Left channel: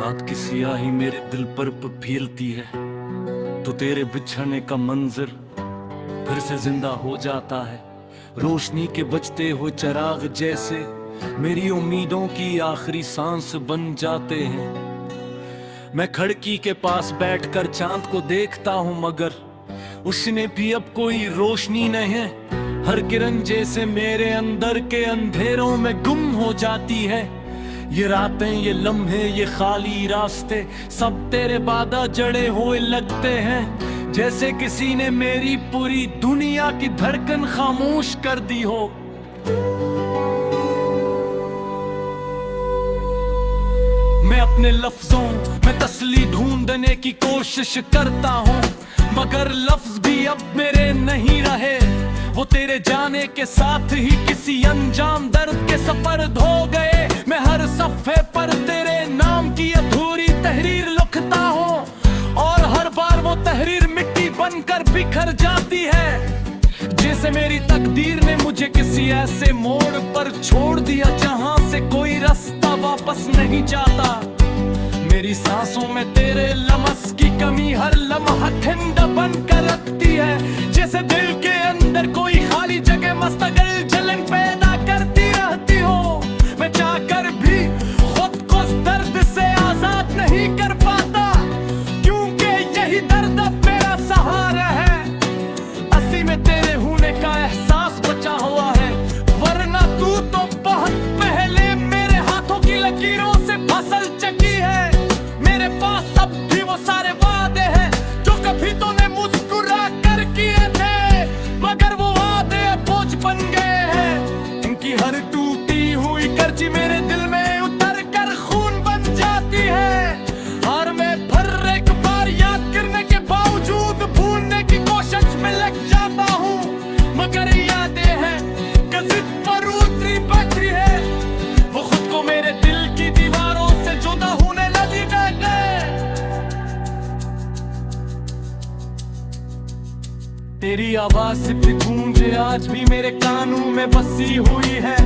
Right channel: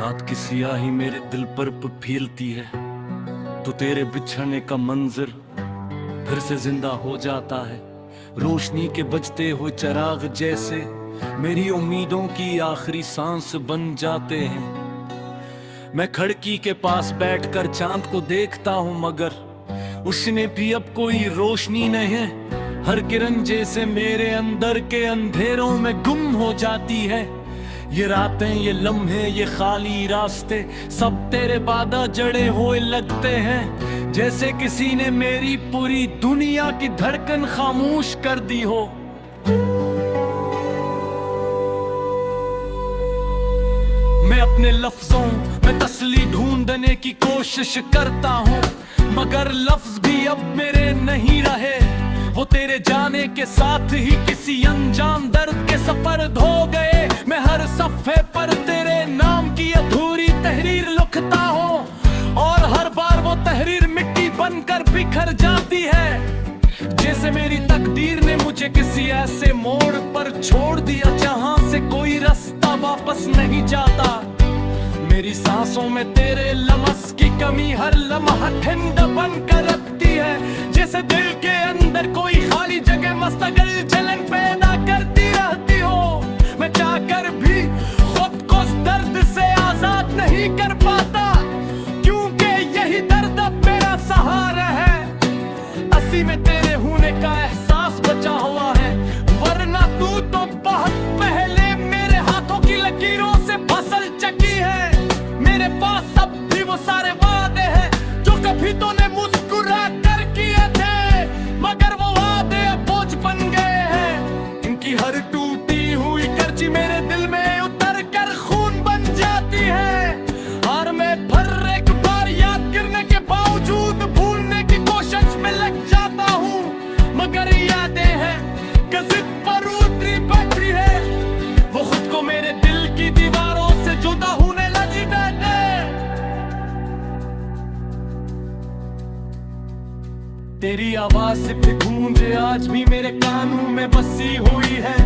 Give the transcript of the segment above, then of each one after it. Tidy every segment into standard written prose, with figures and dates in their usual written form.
रात की सियाही मेरे दिल पर फीलती है तो तेरे बिछड़ने का मंजर फिर से जिंदा हो जाता है। रोशनी के बजते हुए चिराग जैसे मेरी उम्मीदों की आखिरी सांस बन जाते हैं। मैं खिड़की के पास बैठकर चांद को देखता हूं मगर उसने भी अब कोई रोशनी नहीं है। हर किरण जैसे मेरे अंदर के अंधेरों में गुम हो जाती है। ये रातें, ये लम्हे, ये खाली रास्ते सब तेरे बादा जड़े हुए लगते हैं, जैसे किसी ने मेरी पूरी दुनिया की धड़कन खामोश कर दी हो। मैं अपने लफ्जों में तसल्ली ढूंढने की कोशिश करता हूँ मगर लफ्ज भी अब मेरे नहीं रहे। वो तेरे जाने के साथ ही किसी अनजान दर्द के सफर हो गए। मैं हर सफ़े पर तेरे नाम की अधूरी तहरीर लिखता हूँ और हर बार वो तहरीर मिट्टी बनकर बिखर जाती है, जैसे मेरी तकदीर ने मुझे किसी ऐसे मोड़ पर छोड़ दिया जहां से कोई रास्ता वापस नहीं जाता। मेरी सांसों में तेरे लम्स की कमी हर लम्हा ठंडा बन कर रखती है, जैसे दिल के अंदर कोई खाली जगह मुस्तकिल जलन पैदा करती रहती हो। मैं चाहकर भी खुद को इस दर्द से आजाद नहीं कर पाता, क्योंकि यही दर्द अब मेरा सहारा है। असी में तेरे होने का एहसास बचा हुआ है, वरना तू तो बहुत पहले मेरे हाथों की लकीरों से फसल चकी है। मेरे पास अब भी वो सारे वादे हैं जो कभी तूने मुस्कुरा कर किए थे, मगर वो वादे अब बोझ बन गए हैं। इनकी हर टूटी हुई कर्जी मेरे दिल में उतर कर खून बन जाती है। और मैं फिर एक बार याद करने के बावजूद भूलने की कोशिश में लग जाता हूँ, मगर यादें हैं कि जिद पर उतरी बैठी है। वो खुद को मेरे दिल की दीवारों से जुदा होने लगी है। तेरी आवाज सिर्फ गूंजे आज भी मेरे कानों में बसी हुई है।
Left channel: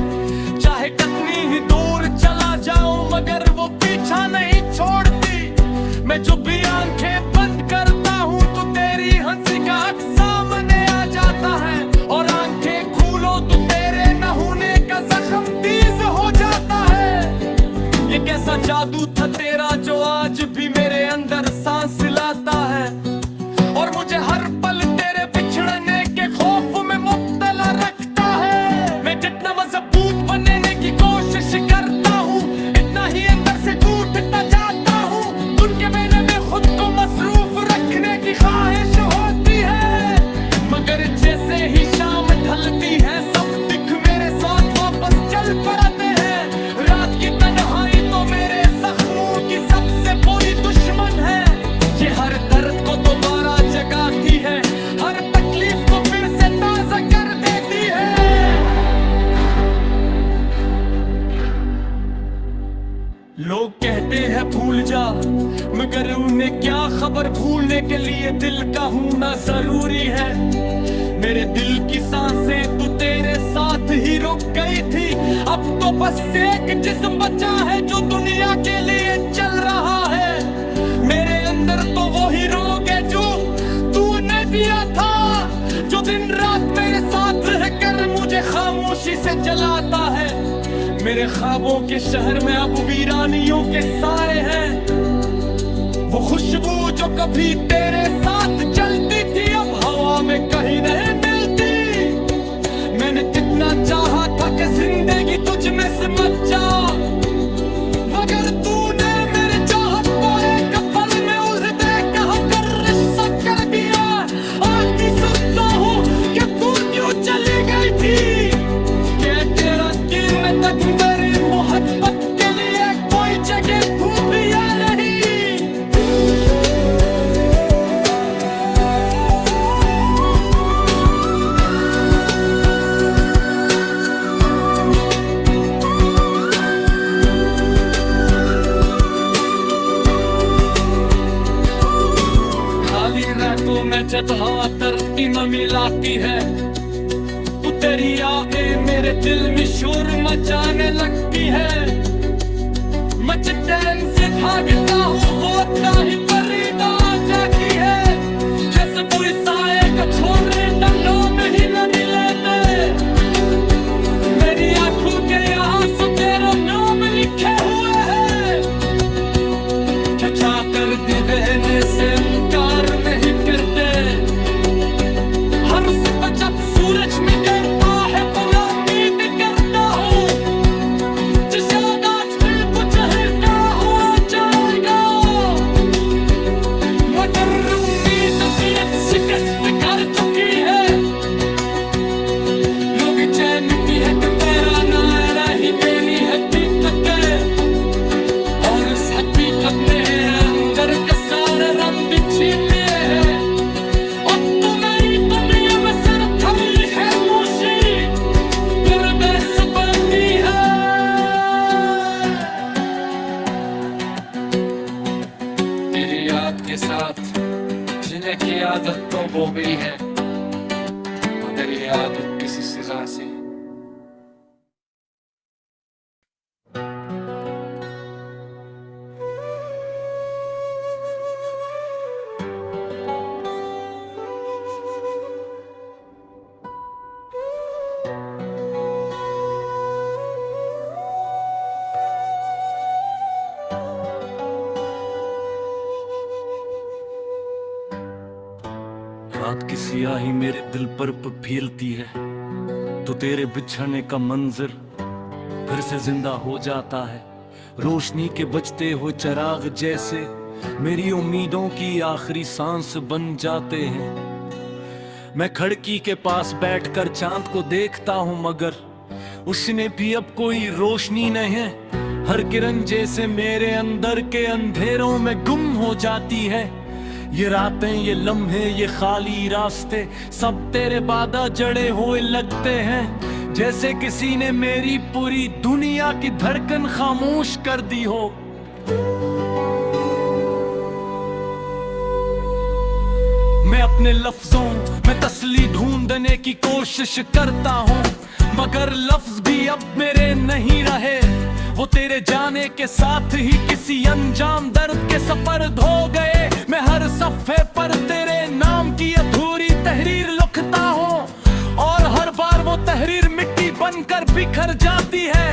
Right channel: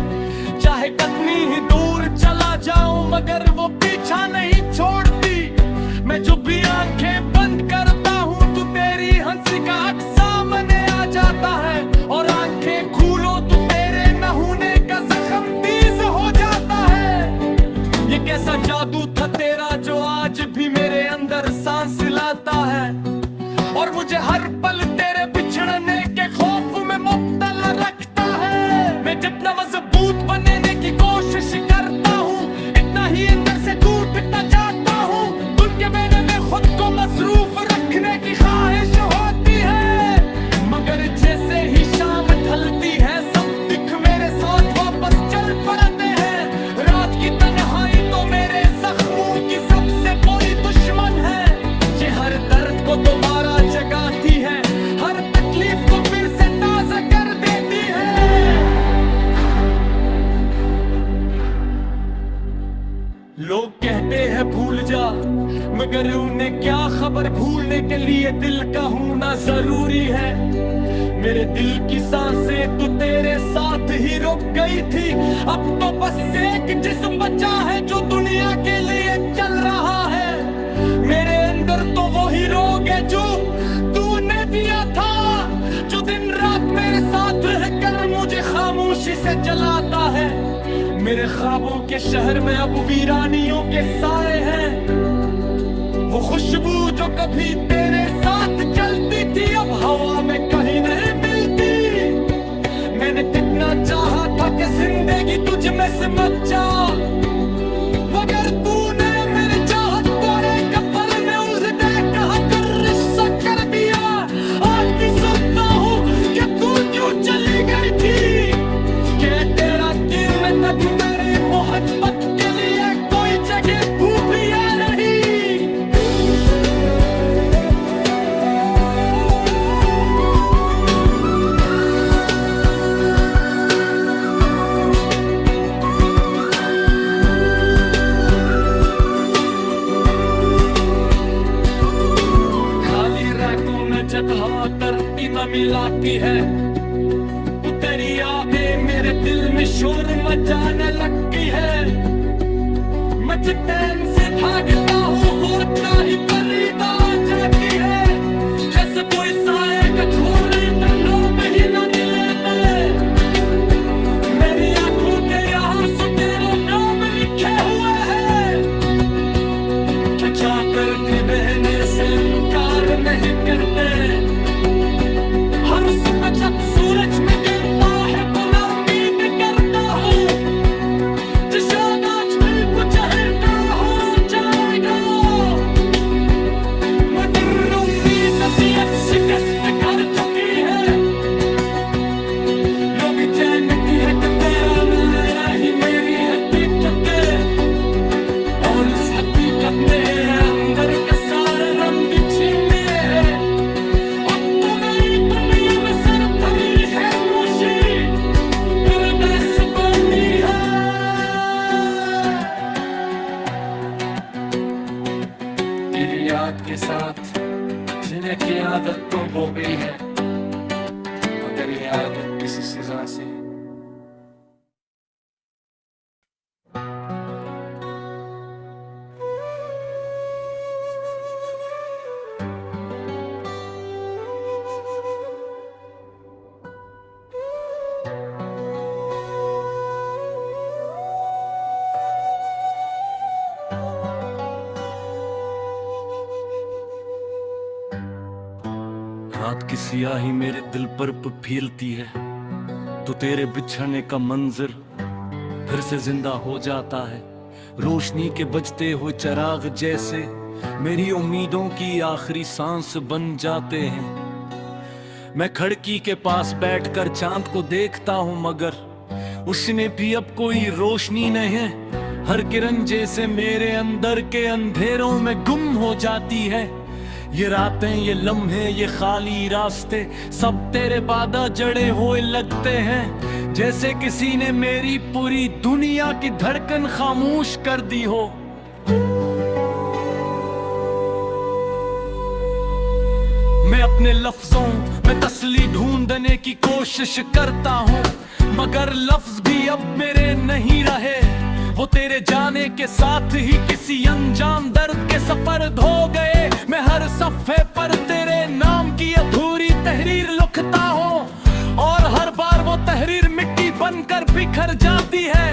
चाहे कितनी ही दूर चला जाऊं मगर वो पीछा नहीं छोड़ती। मैं जो भी आंखें बंद करता हूँ तो तेरी हंसी का अक्स सामने आ जाता है, और आंखें खोलो तो तेरे न होने का जख्म तेज हो जाता है। ये कैसा जादू था तेरा जो आज भी मेरे अंदर सांस लाता है, और मुझे हर पल तेरे बिछड़ने के खौफ में मुब्तला रखता है। मैं जितना मजबूत बनने की कोशिश करता हूँ इतना ही अंदर से टूटता जाता हूँ। धुन के मैंने में खुद को मसरूफ रखने की ख्वाहिश होती है, मगर जैसे ही शाम ढलती है सब दिख मेरे साथ वापस चल पड़ते हैं। रात की तन्हाई तो मेरे जख्मों की सबसे बुरी दुश्मन है। ये हर दर्द को दोबारा जगाती है, हर तकलीफ को फिर से ताजा कर देती है। लोग कहते हैं भूल जा, मगर उन्हें क्या खबर भूलने के लिए दिल का होना जरूरी है। मेरे दिल की सांसें तू तेरे साथ ही रुक गई थी, अब तो बस एक जिस्म बचा है जो दुनिया के लिए चल रहा है। मेरे अंदर तो वही रोग है जो तूने दिया था, जो दिन रात मेरे साथ रहकर मुझे खामोशी से जलाता है। मेरे ख्वाबों के शहर में अब वीरानियों के साए हैं। वो खुशबू जो कभी तेरे साथ चलती थी अब हवा में कहीं नहीं मिलती। मैंने कितना चाहा था कि जिंदगी तुझ में सिमट जा, मगर तूने मेरी चाहत को एक पल में उल्टे कहा कर रिश्ता कर दिया। आज भी सोचता हूँ कि तू क्यों चली गई थी, कि तेरा दिल में तक मेरी मोहब्बत के लिए कोई जगह थी या नहीं। खाली रातों में जब हवा तरती में मिलाती है, तेरी यादें मेरे दिल में शोर मचाने लगती है। मैं चैन से भागता हूँ, वो इतना ही परीदा जागी है, जैसे कोई साए का छोरे टन्नों में ही नदी लेते। मेरी आंखों के यहाँ सो तेरा नाम लिखे हुए हैं, चचा करती बहने से इनकार नहीं करते। हर सुबह जब सूरज निकलता है तो मैं उम्मीद करता हूँ, शायद आज फिर कुछ हल्का हो जाएगा, मगर उम्मीद तबीयत शिकस्त कर चुकी है। लोग चैन की है कि तेरा नारा ही मेरी हकीकत है, और इस हकीकत ने मेरे अंदर के सारे रंग छीन लिए हैं। और तू नहीं दुनिया में सिर्फ खली है मूशी, फिर बेसबती है। तेरी याद के साथ जीने की आदत तो हो गई है, मगर ये आदत किसी सजा से। रात की सियाही मेरे दिल पर फीलती है, तो तेरे बिछड़ने का मंजर फिर से जिंदा हो जाता है। रोशनी के बजते हुए चिराग जैसे मेरी उम्मीदों की आखिरी सांस बन जाते हैं। मैं खिड़की के पास बैठकर चांद को देखता हूँ, मगर उसने भी अब कोई रोशनी नहीं है। हर किरण जैसे मेरे अंदर के अंधेरों में गुम हो जाती है। ये रातें, ये लम्हे, ये खाली रास्ते सब तेरे बादा जड़े हुए लगते हैं, जैसे किसी ने मेरी पूरी दुनिया की धड़कन खामोश कर दी हो। मैं अपने लफ्जों में तसल्ली ढूंढने की कोशिश करता हूँ, मगर लफ्ज भी अब मेरे नहीं रहे। वो तेरे जाने के साथ ही किसी अनजान दर्द के सफर हो गए। मैं हर सफ़े पर तेरे नाम की अधूरी तहरीर लिखता हूँ, और हर बार वो तहरीर मिट्टी बनकर बिखर जाती है,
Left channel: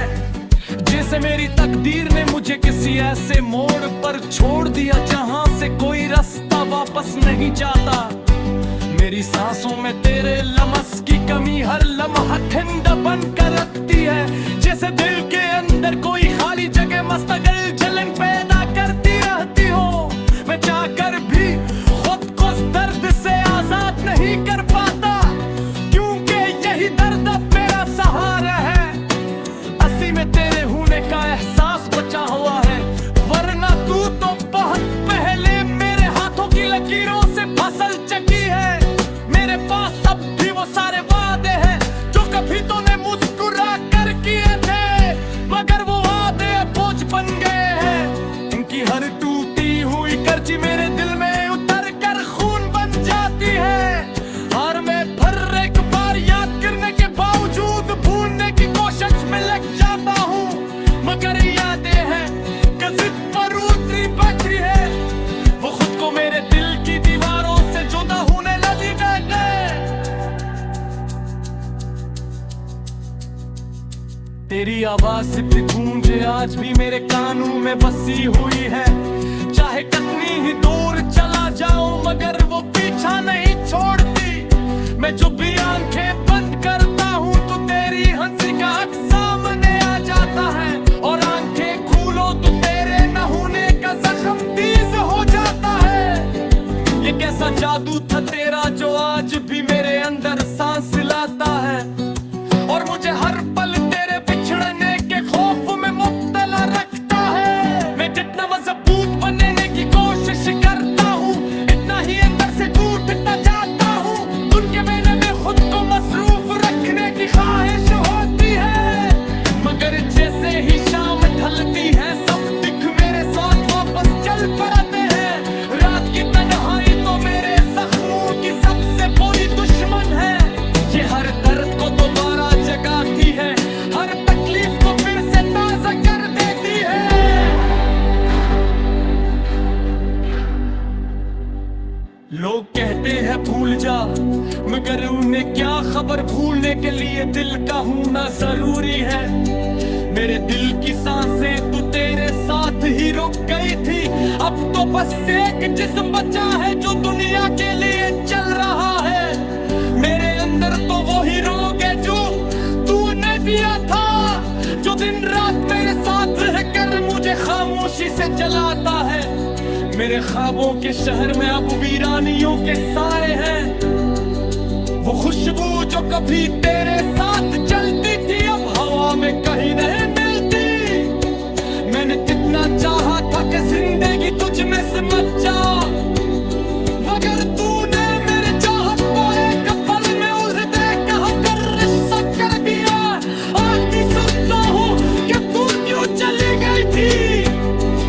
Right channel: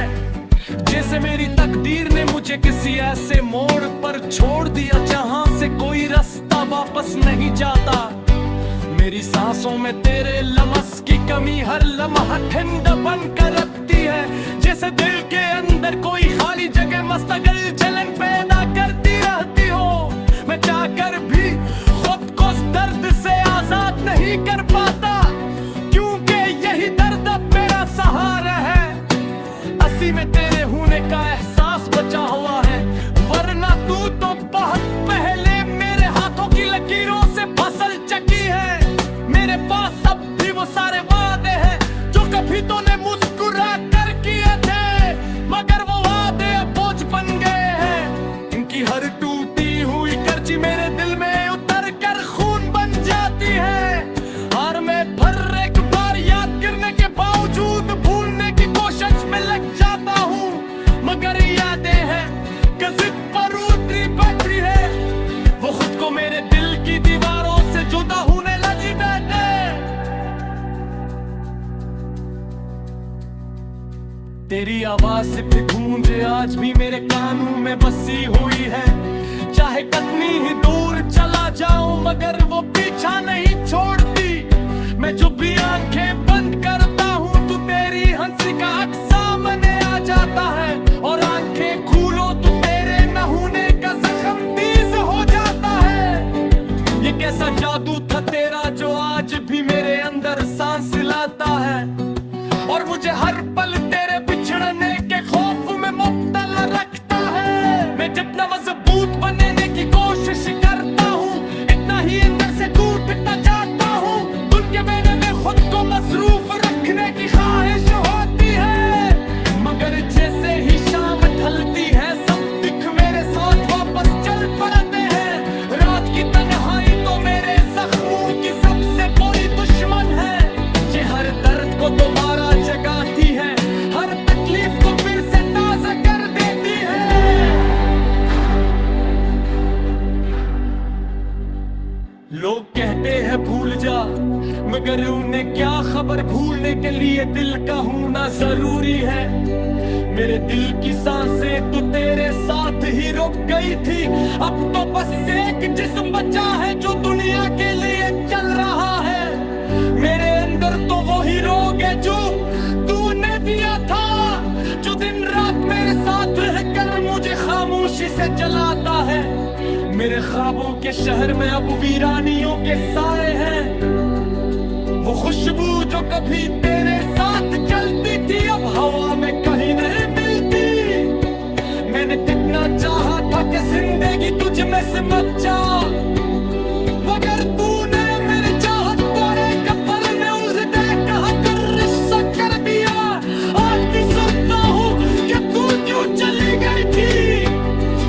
जैसे मेरी तकदीर ने मुझे किसी ऐसे मोड़ पर छोड़ दिया जहां से कोई रास्ता वापस नहीं जाता। मेरी सांसों में तेरे लम्स की कमी हर लम्हा ठंडा बनकर रखती है, जैसे दिल के अंदर कोई खाली जगह मुस्तकिल जलन पैदा करती रहती हो। मैं चाहकर भी खुद को इस दर्द से आजाद नहीं कर पाता, क्योंकि यही दर्द अब मेरा सहारा है। असी में तेरे होने का एहसास बचा हुआ है, वरना तू तो बहुत पहले मेरे हाथों की लकीरों से फसल चकी है। मेरे पास अब भी वो सारे वादे हैं जो कभी तूने मुस्कुरा कर किए थे, मगर वो वादे अब बोझ बन गए हैं। इनकी हर टूटी हुई कर्जी मेरे दिल में उतर कर खून बन जाती है। हर मैं फिर एक बार याद करने के बावजूद भूलने की कोशिश में लग जाता हूँ, मगर यादें हैं जिद पर उतरी बैटरी है। वो खुद को मेरे दिल की दीवारों से जुदा होने लगी है। तेरी आवाज सिर्फ गूंजे आज भी मेरे कानों में बसी हुई है। चाहे कितनी ही दूर चला जाऊं, मगर वो पीछा नहीं छोड़ती। मैं जो भी आंखें बंद करता हूँ तो तेरी हंसी का अक्स सामने आ जाता है, और आंखें खोलो तो तेरे न होने का जख्म तेज हो जाता है। ये कैसा जादू था तेरा जो आज भी मेरे अंदर सांस लाता है, और मुझे हर पल तेरे बिछड़ने के खौफ में मुब्तला रखता है। मैं जितना मजबूत बनने की कोशिश करता हूँ, इतना ही अंदर से टूटता जाता हूँ। उनके मैंने में खुद को मसरूफ रखने की ख्वाहिश होती है, मगर जैसे ही शाम ढलती है सब दिख मेरे साथ वापस चल पड़ते हैं। रात की तन्हाई तो मेरे जख्मों की सबसे बुरी दुश्मन है। ये हर दर्द को दोबारा जगाती है, हर तकलीफ को फिर से ताजा कर देती है। लोग कहते हैं भूल जा, मगर उन्हें क्या खबर भूलने के लिए दिल का होना जरूरी है। मेरे दिल की सांसें तू तेरे साथ ही रुक गई थी, अब तो बस एक जिस्म बचा है जो दुनिया के लिए चल रहा है। मेरे अंदर तो वही रोग है जो तूने दिया था, जो दिन रात मेरे साथ रहकर मुझे खामोशी से जलाता है। मेरे ख्वाबों के शहर में अब वीरानियों के साए हैं, वो खुशबू जो कभी तेरे साथ चलती थी अब हवा में कहीं नहीं मिलती। मैंने कितना चाहा था कि जिंदगी तुझ में समझ जा, मगर तूने मेरी चाहत को एक पल में उड़ दे कहा कर रिश्ता कर दिया। आज भी सोचता हूँ कि तू क्यों चली गई थी,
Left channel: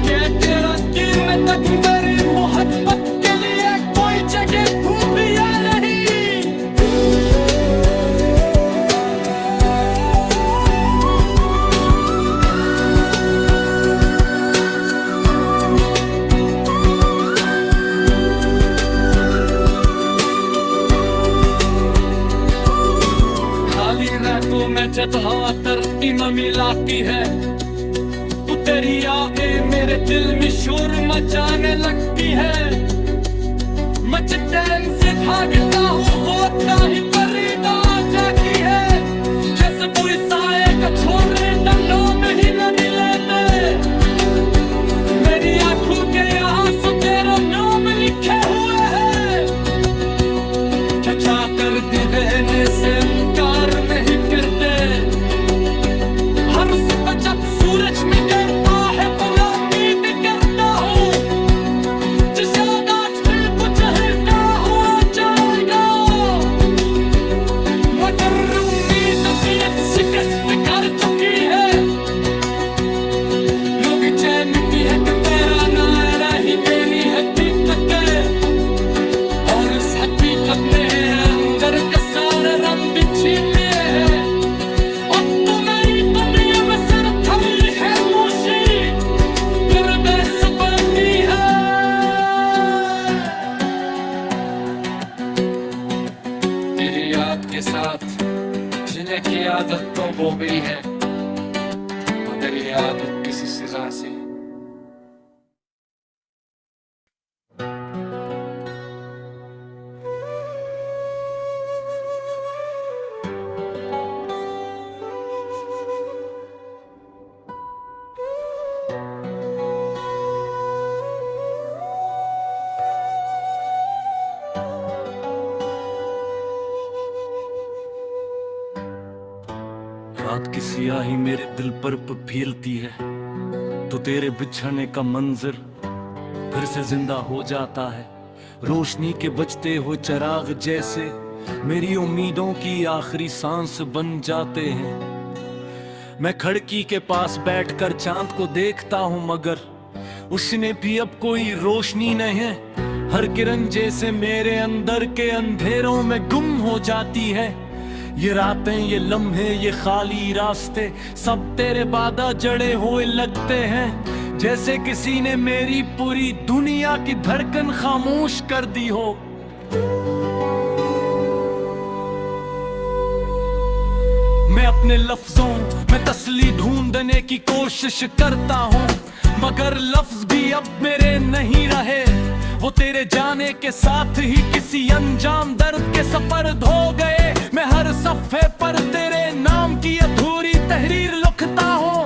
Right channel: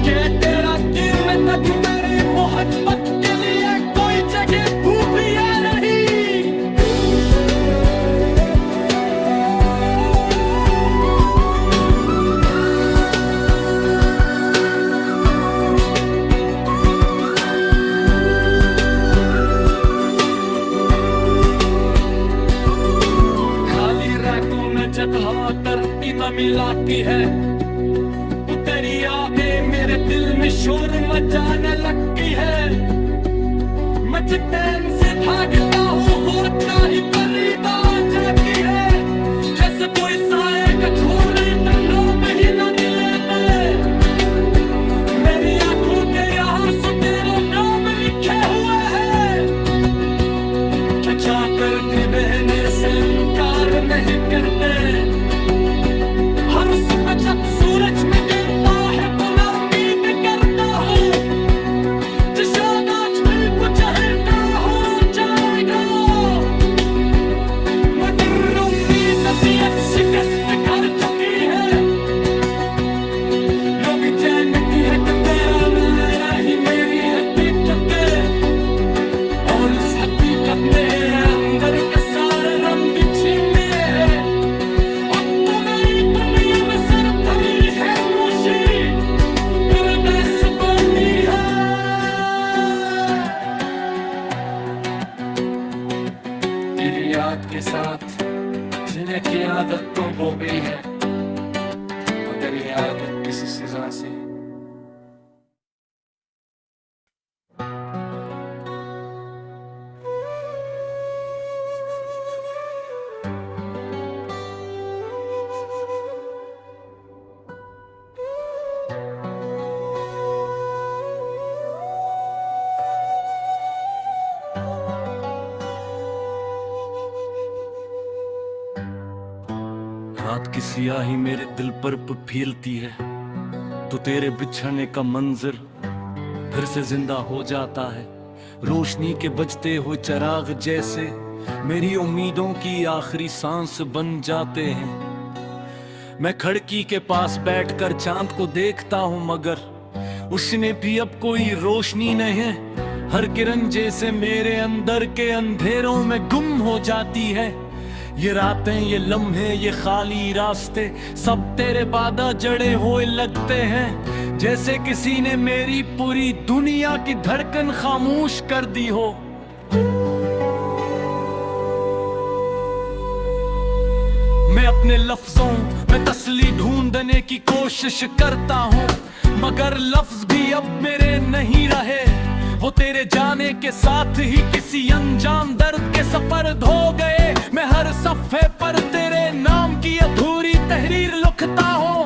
कि तेरा गिरने तक मेरी मोहब्बत के लिए कोई जगह तू भी या नहीं। रातों में जब हवा तरती में मिलाती है, वो तेरी यादें मेरे दिल में शोर मचाने लगती है। मैं चैन से भागता हूँ वो इतना ही परीदा जाती है, जैसे कोई साए का छोरे टंडों में ही नहीं लेते। मेरी आंखों के यहाँ सो तेरा नाम लिखे हुए हैं, चचा कर दी बहने से इनकार नहीं करते। हर सुबह जब सूरज निकलता है तो मैं उम्मीद करता हूँ शायद आज दिल कुछ हल्का हो जाएगा, मगर उम्मीद अब शिकस्त कर चुकी है। लोग जानती है कि तेरा नारा ही मेरी हकीकत है, और इस हकीकत में अंदर के सारे रंग छीन लिए हैं। और तुम्हें दुनिया में सिर्फ खरी है मूशी फिर बेसुबाती है। मेरी याद के साथ जीने की आदत को हो गई है, मगर ये आदत किसी सजा से रात की सियाही मेरे दिल पर फीलती है, तो तेरे बिछड़ने का मंजर फिर से जिंदा हो जाता है। रोशनी के बजते हुए चिराग जैसे मेरी उम्मीदों की आखिरी सांस बन जाते हैं। मैं खिड़की के पास बैठकर चांद को देखता हूँ, मगर उसने भी अब कोई रोशनी नहीं है। हर किरण जैसे मेरे अंदर के अंधेरों में गुम हो जाती है। ये रातें, ये लम्हे, ये खाली रास्ते सब तेरे बादा जड़े हुए लगते हैं, जैसे किसी ने मेरी पूरी दुनिया की धड़कन खामोश कर दी हो। मैं अपने लफ्जों में तसल्ली ढूंढने की कोशिश करता हूँ, मगर लफ्ज भी अब मेरे नहीं रहे। वो तेरे जाने के साथ ही किसी अनजान दर्द के सफर हो गए। मैं हर सफ़े पर तेरे नाम की अधूरी तहरीर लिखता हूँ,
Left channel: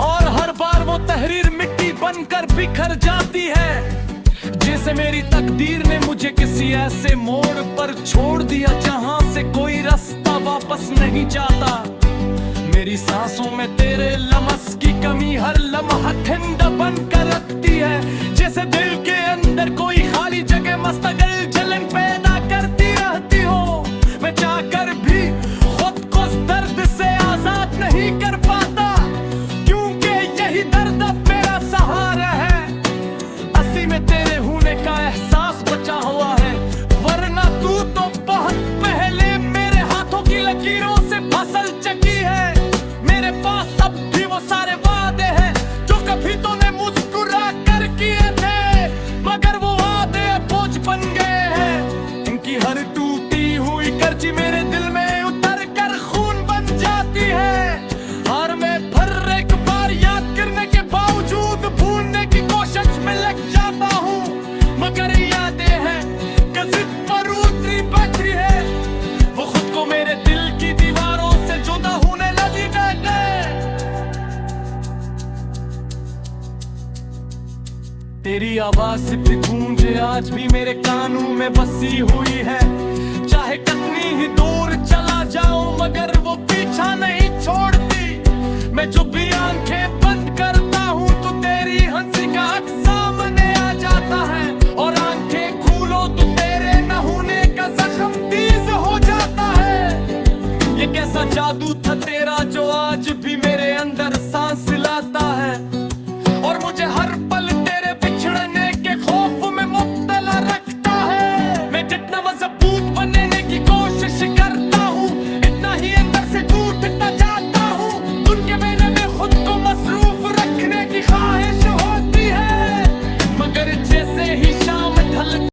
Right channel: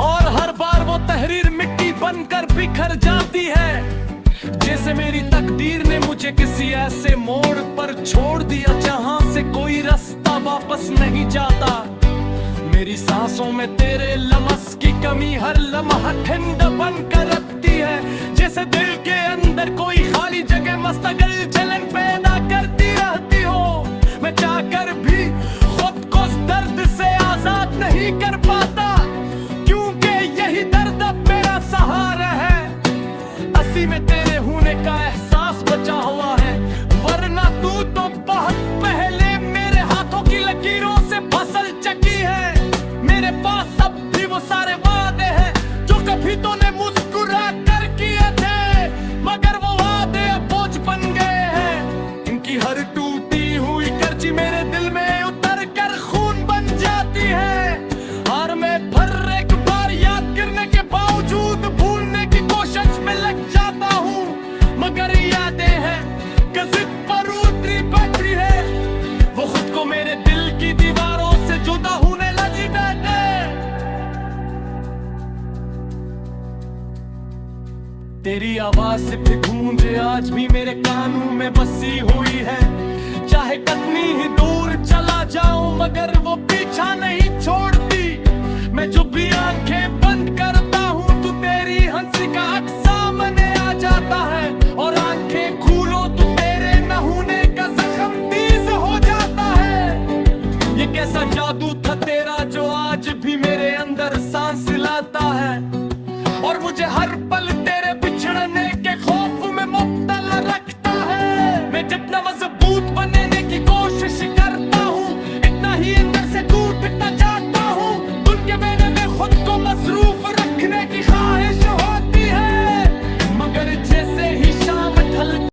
और हर बार वो तहरीर मिट्टी बनकर बिखर जाती है। जैसे मेरी तकदीर ने मुझे किसी ऐसे मोड़ पर छोड़ दिया जहाँ से कोई रास्ता वापस नहीं जाता। मेरी सांसों में तेरे लम्स की कमी हर लम्हा ठंडा बनकर रखती है, जैसे दिल के अंदर कोई खाली जगह मुस्तकिल जलन पैदा करती रहती हो। मैं चाहकर भी खुद को इस दर्द से आजाद नहीं कर पाता, क्योंकि यही दर्द अब मेरा सहारा है। असी में तेरे होने का एहसास बचा हुआ है, वरना तू तो बहुत पहले मेरे हाथों की लकीरों से फसल चकी है। मेरे पास अब भी वो सारे वादे हैं जो कभी तूने मुस्कुरा कर किए थे, मगर वो वादे अब बोझ बन गए हैं। की हर टूटी हुई कर्ची मेरे दिल में उतर कर खून बन जाती है। हार में फिर एक बार याद करने के बावजूद भूलने की कोशिश में लग जाता हूँ, मगर यादें हैं जिद पर उतरी बैटरी है, वो खुद को मेरे दिल की दीवारों से जुदा होने लगी है। तेरी आवाज सिर्फ गूंजे आज भी मेरे कानों में बसी हुई है। चाहे कितनी ही दूर चला जाऊं मगर वो पीछा नहीं छोड़ती। मैं जो भी आंखें बंद करता हूं तो तेरी हंसी का अक्स सामने आ जाता है, और आंखें खोलो तो तेरे न होने का जख्म तेज हो जाता है। ये कैसा जादू था तेरा जो आज भी मेरे अंदर सांस लाता है, और मुझे हर पल तेरे बिछड़ने के खौफ में मुब्तला रखता है। मैं जितना मजबूत बनने की कोशिश करता हूँ इतना ही अंदर से टूटता जाता हूँ। धुन के मैंने में खुद को मसरूफ रखने की ख्वाहिश होती है, मगर जैसे ही शाम ढल